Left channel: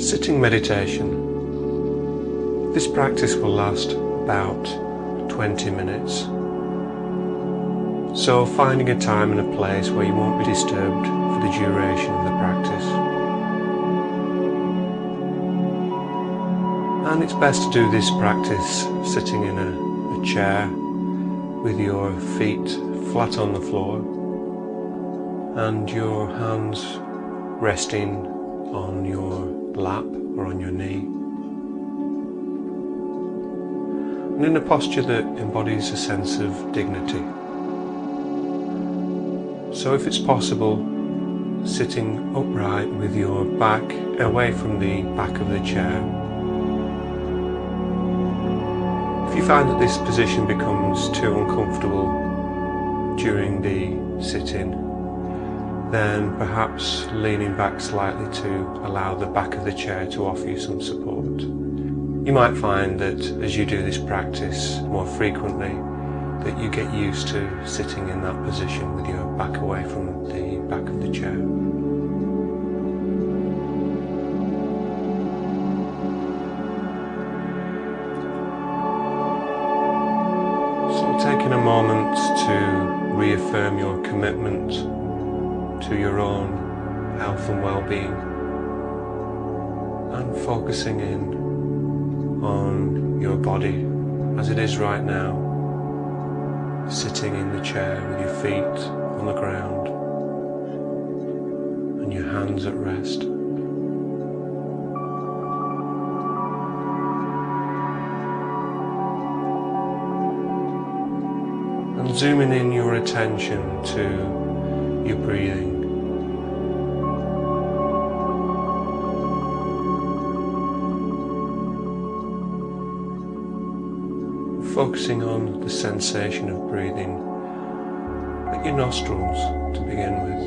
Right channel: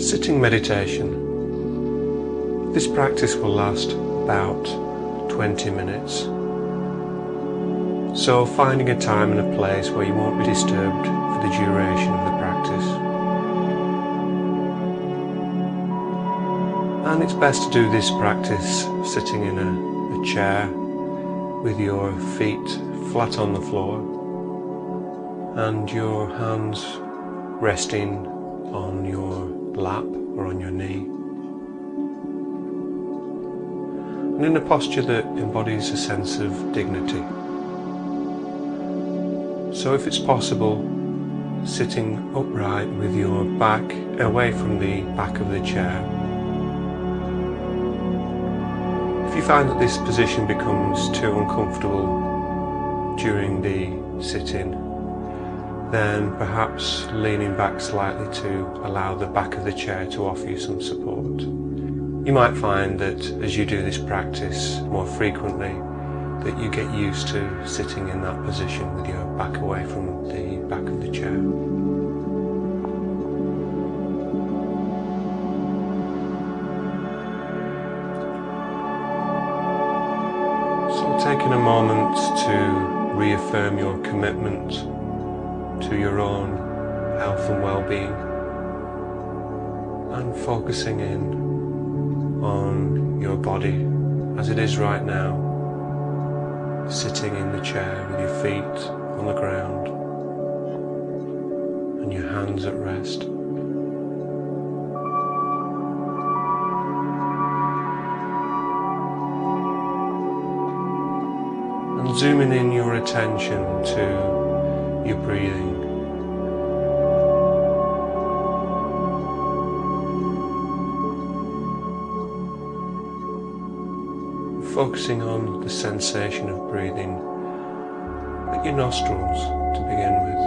Sitting meditation. This practice will last about 20 minutes. So finding a time and a place where you won't be disturbed for the duration of the practice. And it's best to do this practice sitting in a chair with your feet flat on the floor and your hands resting on your lap or on your knee, and in a posture that embodies a sense of dignity. So if it's possible, sitting upright with your back away from the back of the chair. If you find that this position becomes too uncomfortable during the sitting, then perhaps leaning back slightly to allow the back of the chair to offer you some support. You might find that as you do this practice more frequently, that you get used to sitting in that position with your back away from the back of the chair. So taking a moment to reaffirm your commitment to your own health and well-being, and focusing in on your body as it is right now, sitting in the chair with your feet on the ground and your hands at rest. And zooming in your attention to your breathing. Focusing on the sensation of breathing at your nostrils to begin with.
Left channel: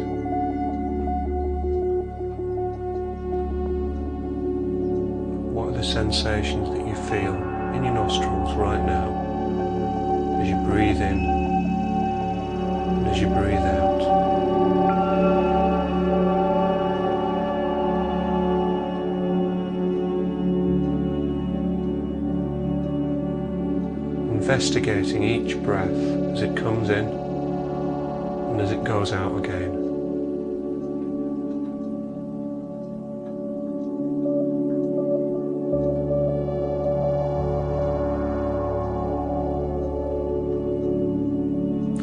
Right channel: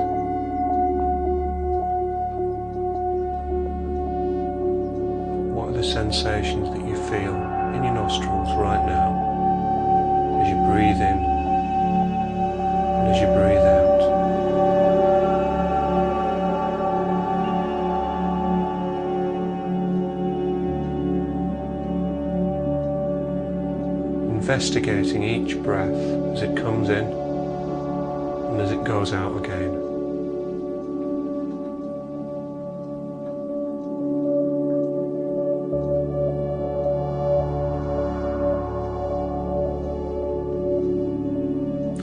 What are the sensations that you feel in your nostrils right now as you breathe in and as you breathe out? Investigating each breath as it comes in and as it goes out again.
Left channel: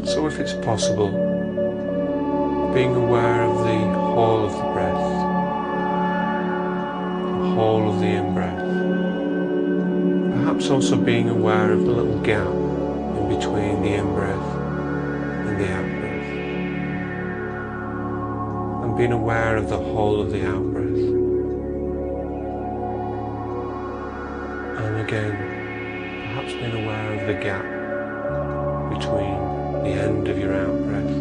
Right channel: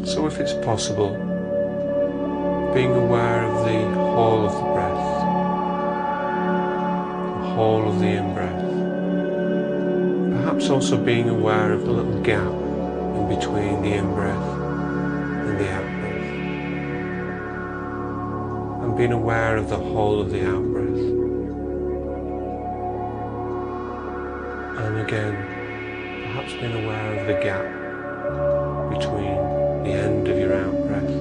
So if it's possible, being aware of the whole of the breath, the whole of the in-breath. Perhaps also being aware of the little gap in between the in-breath and the out-breath. And being aware of the whole of the out-breath. And again, perhaps being aware of the gap between the end of your out-breath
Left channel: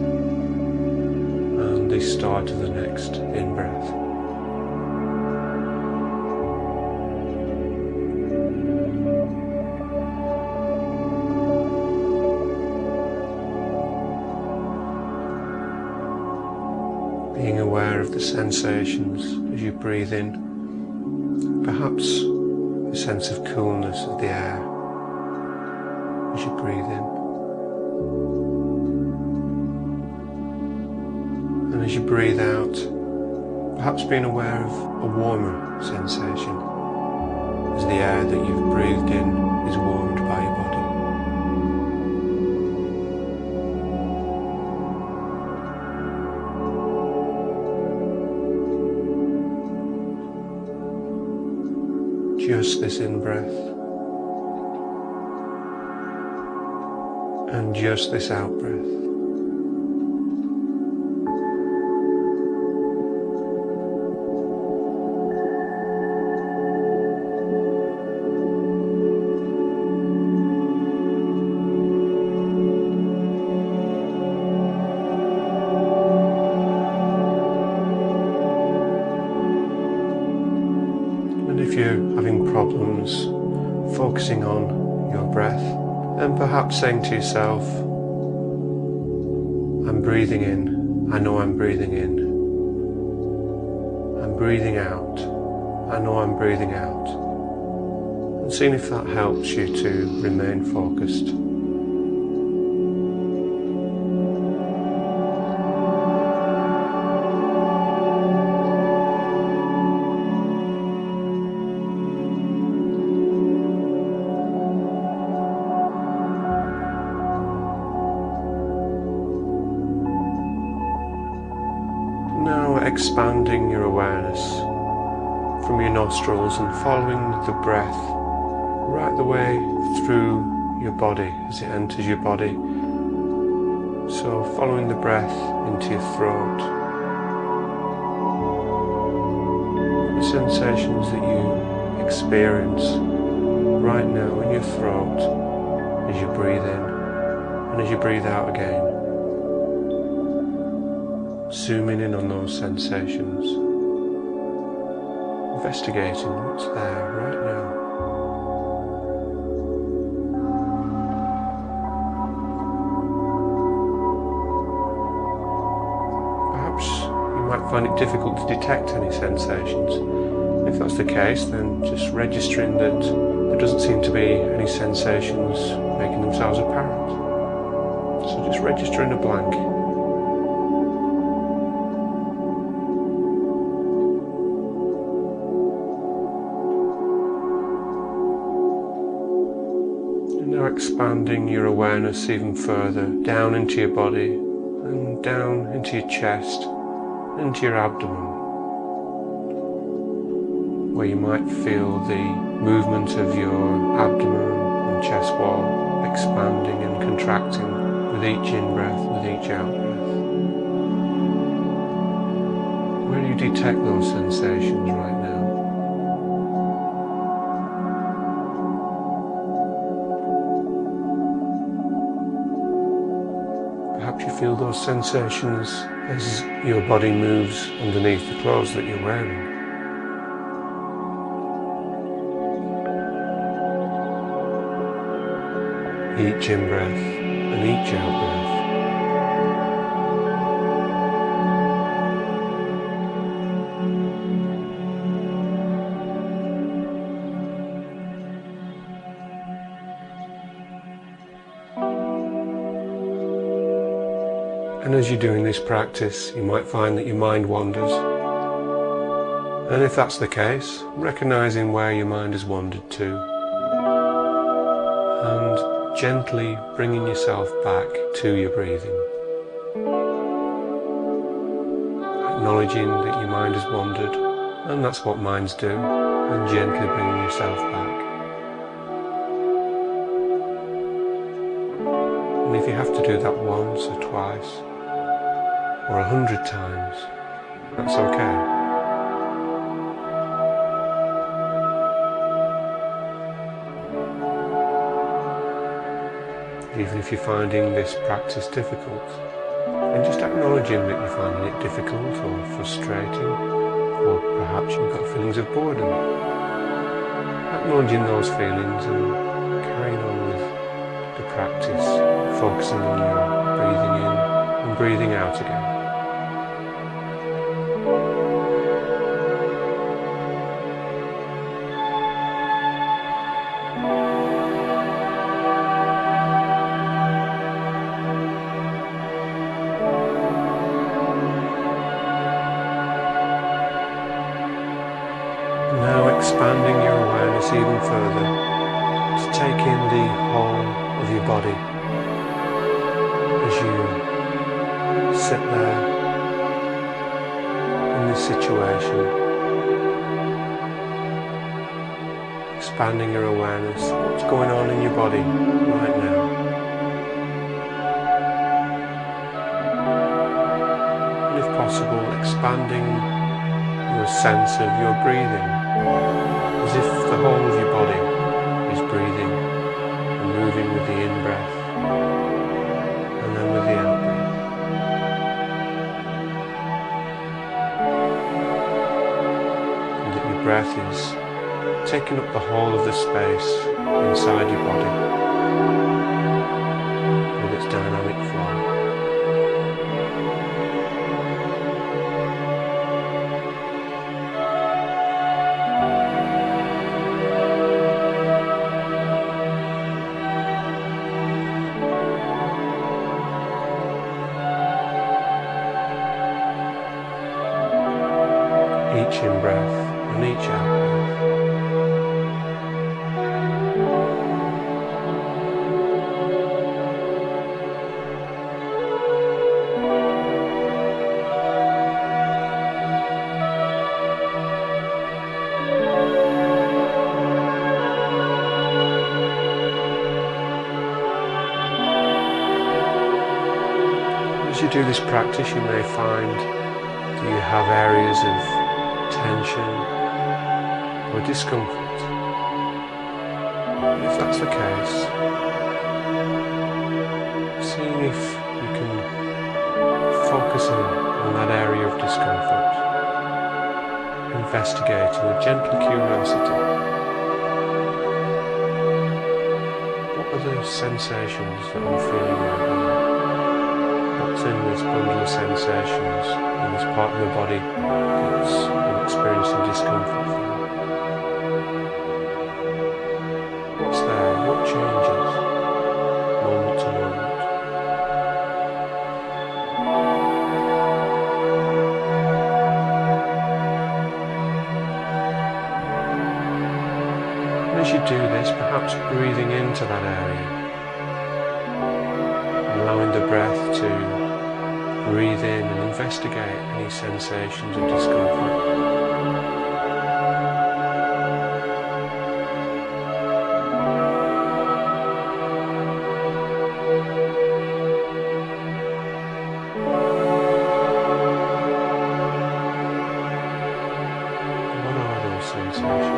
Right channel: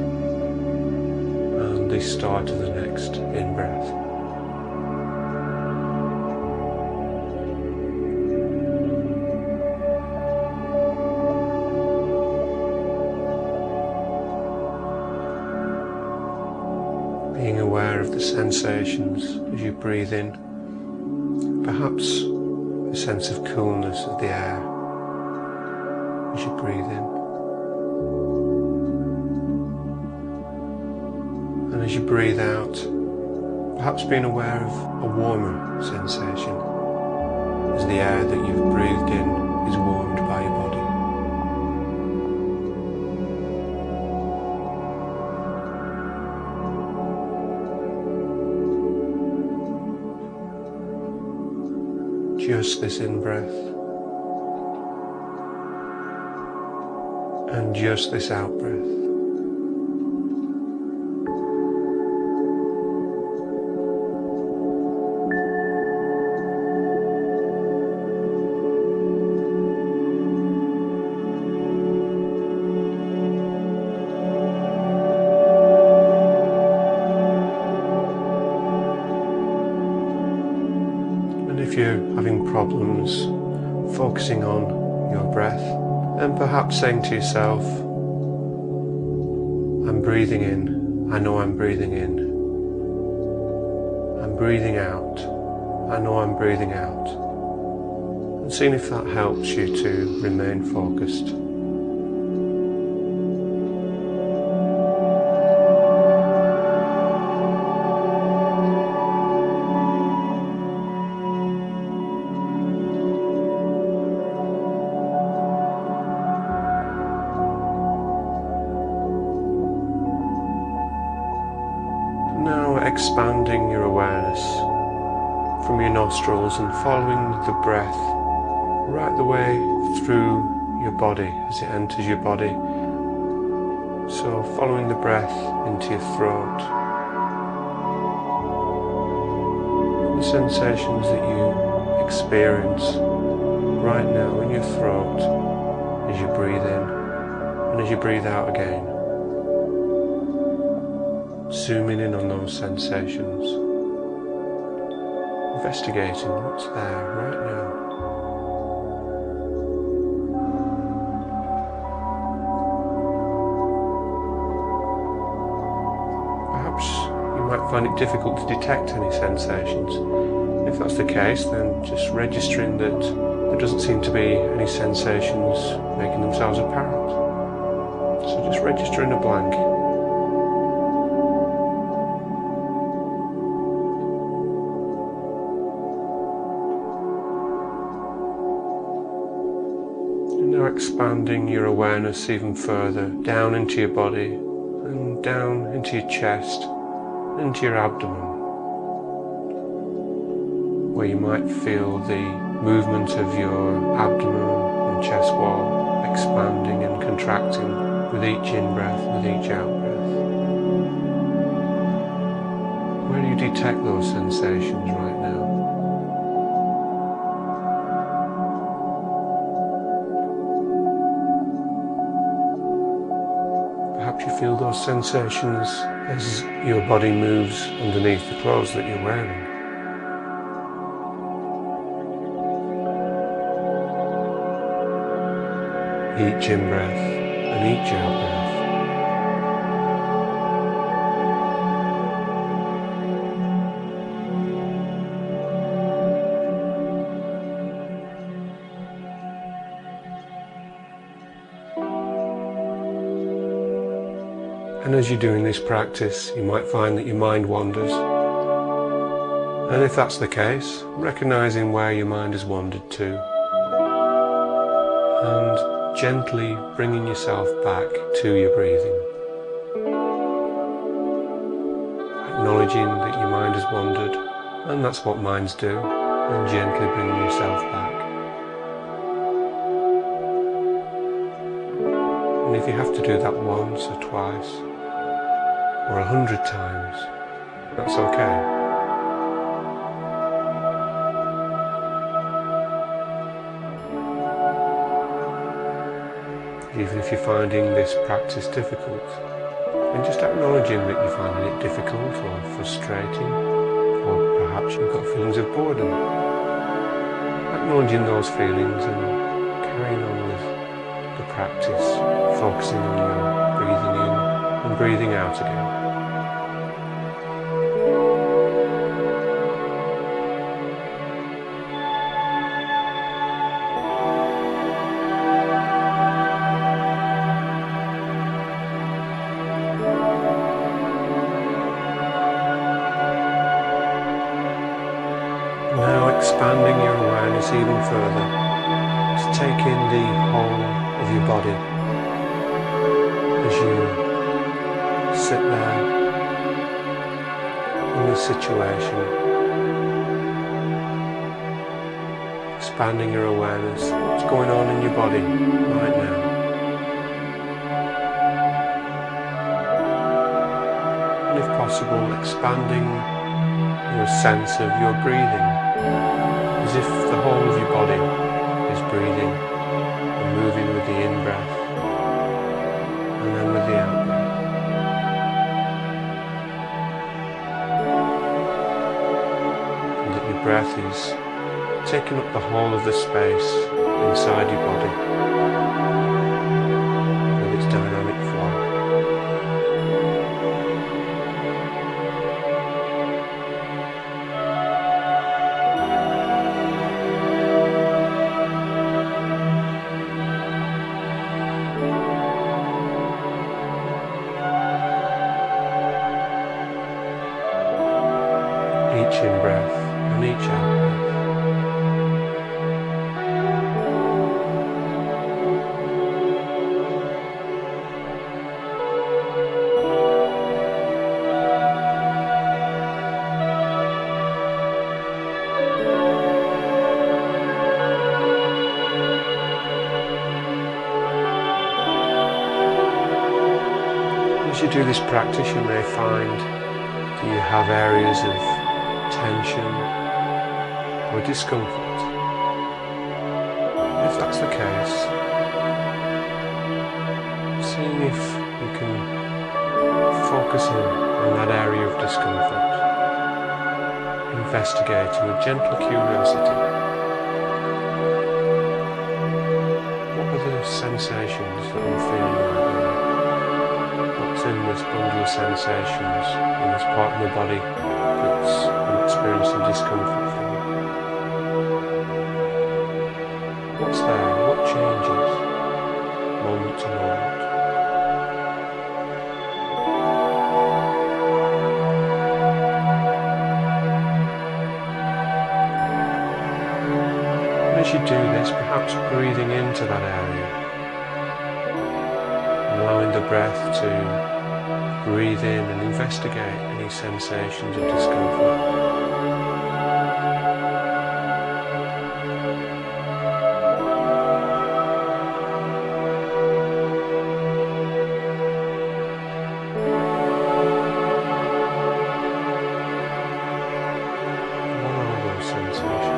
and the start of the next in-breath. Being aware of the sensations as you breathe in, perhaps a sense of coolness of the air as you breathe in. And as you breathe out, perhaps being aware of a warmer sensation as the air that you've breathed in is warmed by your body. Just this in-breath and just this out-breath. If you're having problems focusing on your breath, then perhaps saying to yourself, I'm breathing in, I know I'm breathing in. I'm breathing out, I know I'm breathing out, and seeing if that helps you to remain focused. Now expanding your awareness from your nostrils and following the breath right the way through your body as it enters your body. So following the breath into your throat, the sensations that you experience right now in your throat as you breathe in and as you breathe out again. Zooming in on those sensations, investigating what's there right now. Perhaps you might find it difficult to detect any sensations. If that's the case, then just registering that there doesn't seem to be any sensations making themselves apparent. So just registering a blank. Now expanding your awareness even further down into your body and down into your chest, into your abdomen, where you might feel the movement of your abdomen and chest wall expanding and contracting with each in-breath, with each out-breath. Where do you detect those sensations right now? Perhaps you feel those sensations as your body moves underneath the clothes that you're wearing. Each in-breath and each out-breath. And as you're doing this practice, you might find that your mind wanders. And if that's the case, recognizing where your mind has wandered to, and gently bringing yourself back to your breathing. Acknowledging that your mind has wandered, and that's what minds do, and gently bringing yourself back. And if you have to do that once or twice, or 100 times, that's okay. Even if you're finding this practice difficult, and just acknowledging that you're finding it difficult or frustrating, or perhaps you've got feelings of boredom. Acknowledging those feelings and carrying on with the practice, focusing on your breathing in and breathing out again. Now expanding your awareness even further to take in the whole of your body as you sit there in this situation. Expanding your awareness, what's going on in your body right now. And if possible, expanding your sense of your breathing, as if the whole of your body is breathing and moving with the in-breath and then with the out-breath. And that your breath is taking up the whole of the space inside your body with its dynamic flow. each out breath. As you do this practice, you may find that you have areas of tension or discomfort. And if that's the case, seeing if you can focus in on that area of discomfort, investigating with gentle curiosity. What are the sensations that I'm feeling right now? What's in this bundle of sensations in this part of my body that's I'm experiencing discomfort from? What's there? What changes moment to moment? And as you do this, perhaps breathing into that area, allowing the breath to breathe in and investigate any sensations of discomfort. What are those sensations?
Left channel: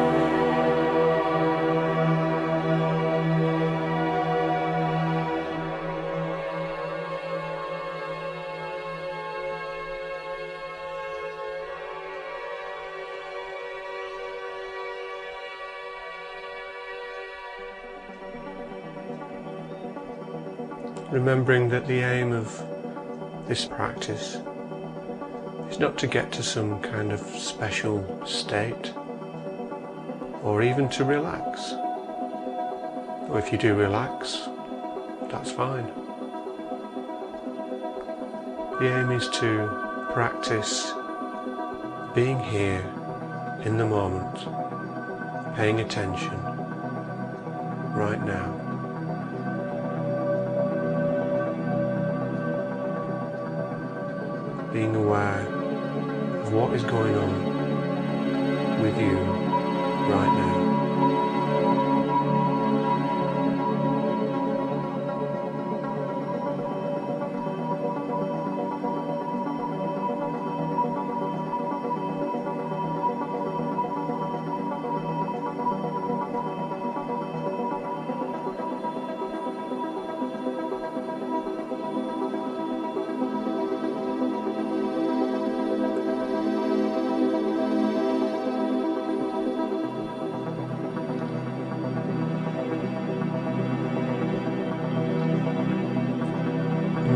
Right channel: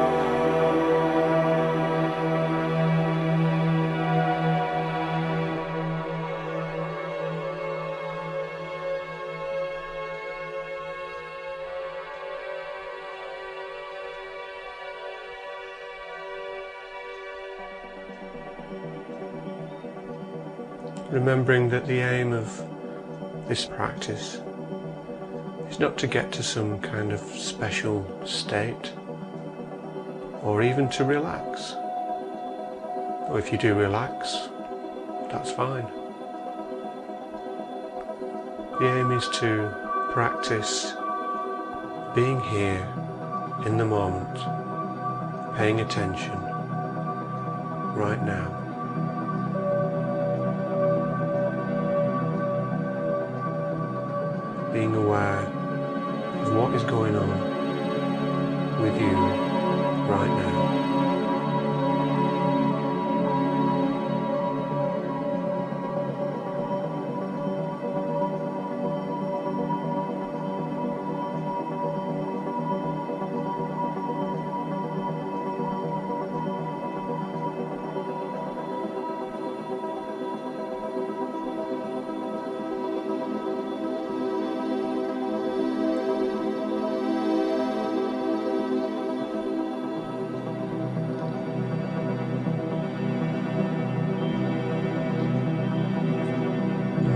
Remembering that the aim of this practice is not to get to some kind of special state or even to relax. Or if you do relax, that's fine. The aim is to practice being here in the moment, paying attention right now. Being aware of what is going on with you right now.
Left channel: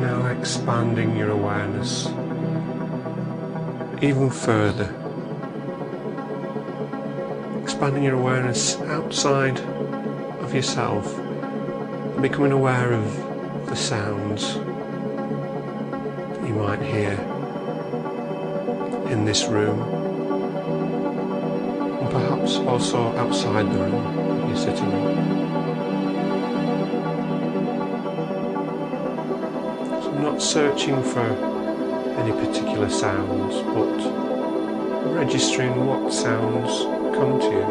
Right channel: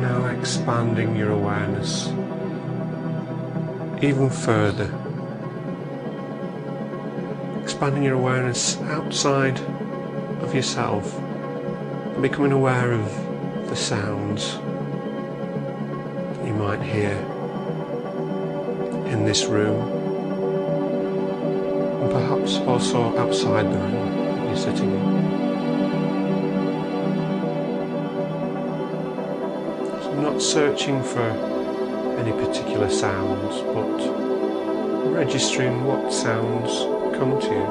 Now expanding your awareness even further. Expanding your awareness outside of yourself and becoming aware of the sounds that you might hear in this room and perhaps also outside the room that you're sitting in. Not searching for any particular sounds, but registering what sounds come to you.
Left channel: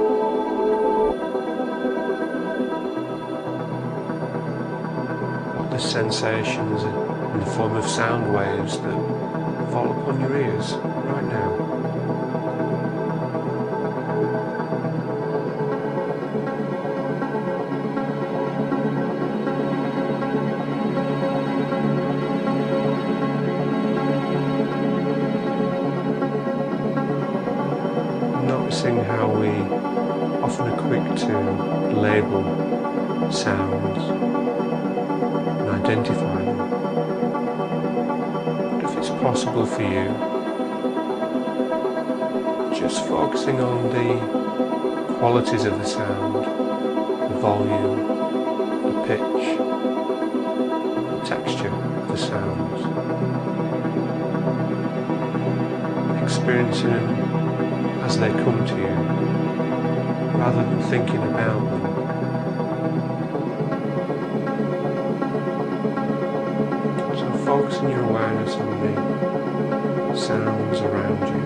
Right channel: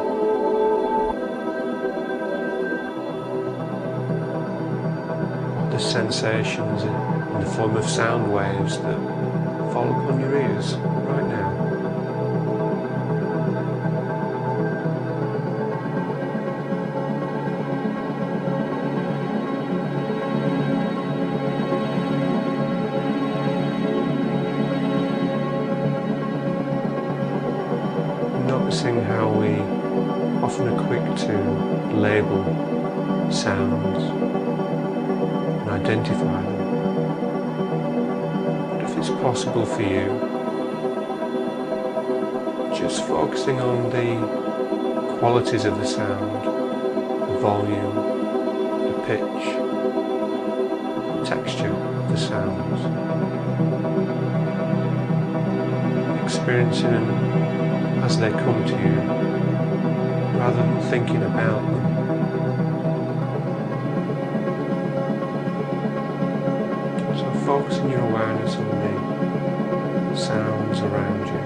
What the sensations in the form of sound waves that fall upon your ears right now. Noticing how we often are quick to label sounds and identify them. But if it's possible for you, just focusing on the qualities of the sound, the volume, the pitch, the texture of the sounds, experiencing them as they come to you rather than thinking about them. So focusing your awareness on the sounds around you.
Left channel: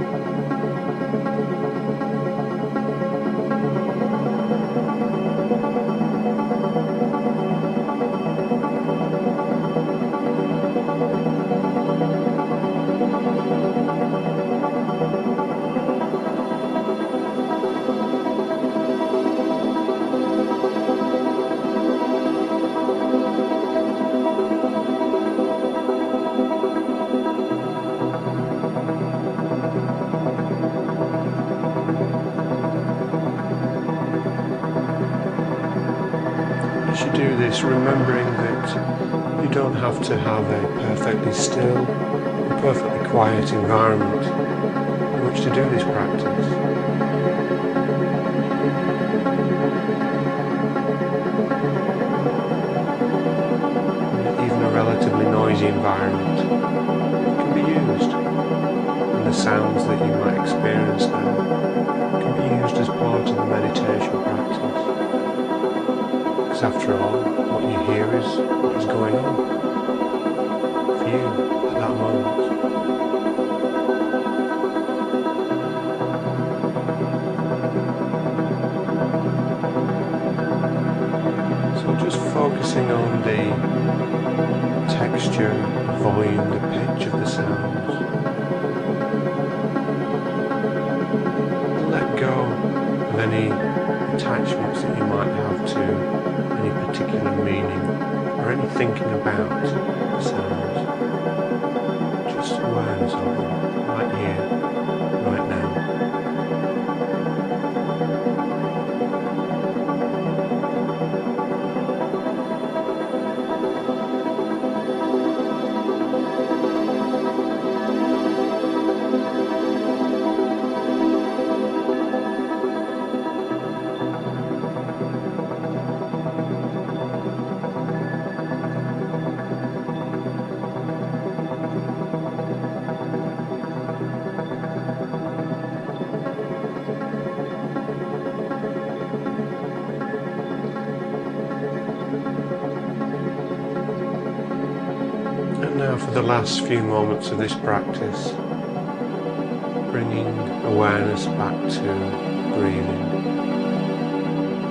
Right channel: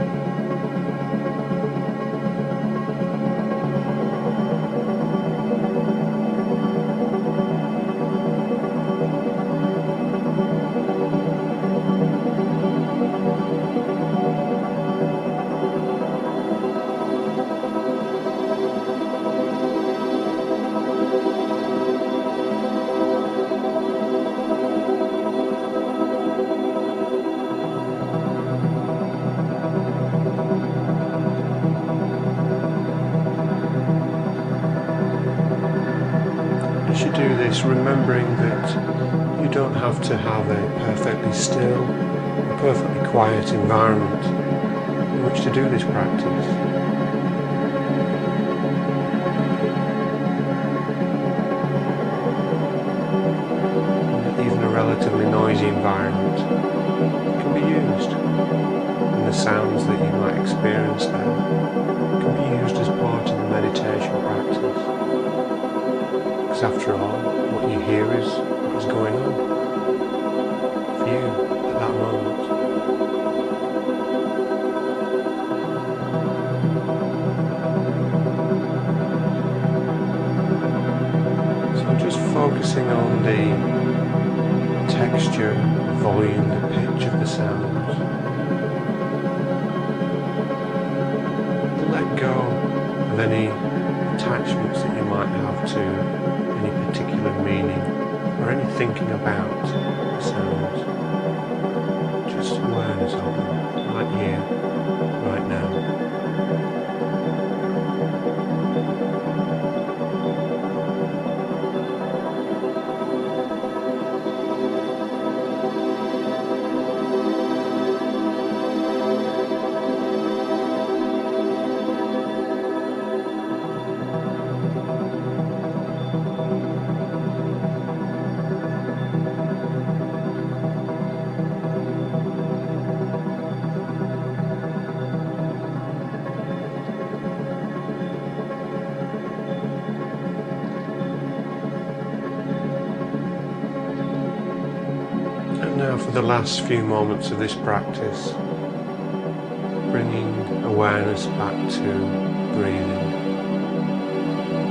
As you do this, remembering that you don't have to have a perfectly still or perfectly quiet environment in which to do this practice. And that even a relatively noisy environment can be used, and the sounds that you might experience there can be used as part of the meditation practice. Because after all, what you hear is what is going on for you at that moment. So just focusing on the texture, the volume, the pitch of the sounds. Let go of any attachments that you might have to any particular meaning or any thinking about the sounds. Just awareness of them, right here, right now. And now for the last few moments of this practice, bringing awareness back to breathing,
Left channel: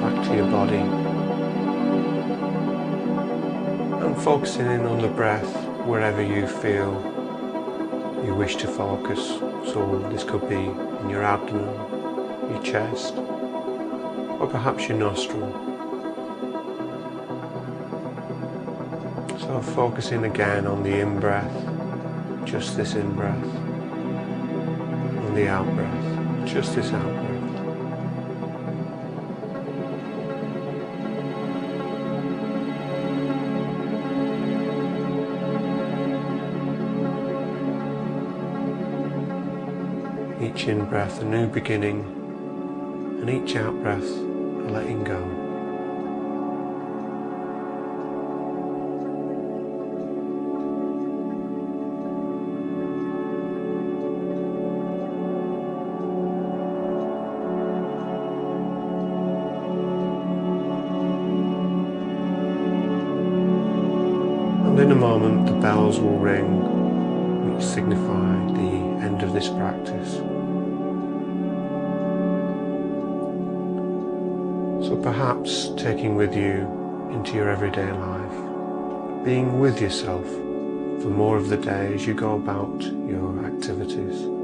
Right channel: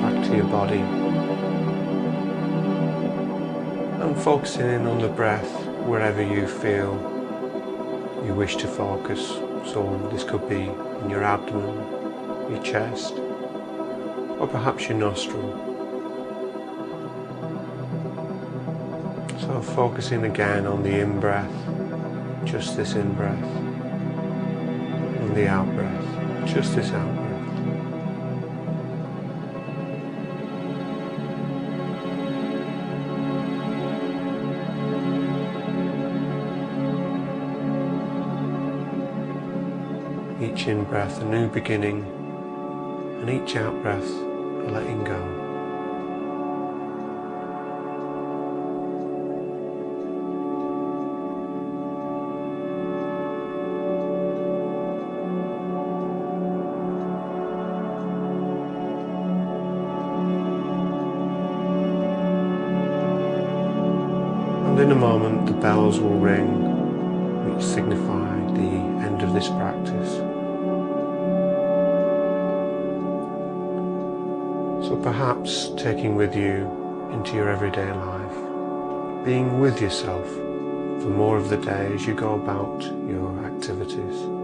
back to your body, and focusing in on the breath wherever you feel you wish to focus. So this could be in your abdomen, your chest, or perhaps your nostril. So focusing again on the in-breath, just this in-breath, on the out-breath, just this out-breath. Each in-breath a new beginning, and each out-breath a letting go. And in a moment the bells will ring, which signify the end of this practice. So perhaps taking with you into your everyday life, being with yourself for more of the day as you go about your activities.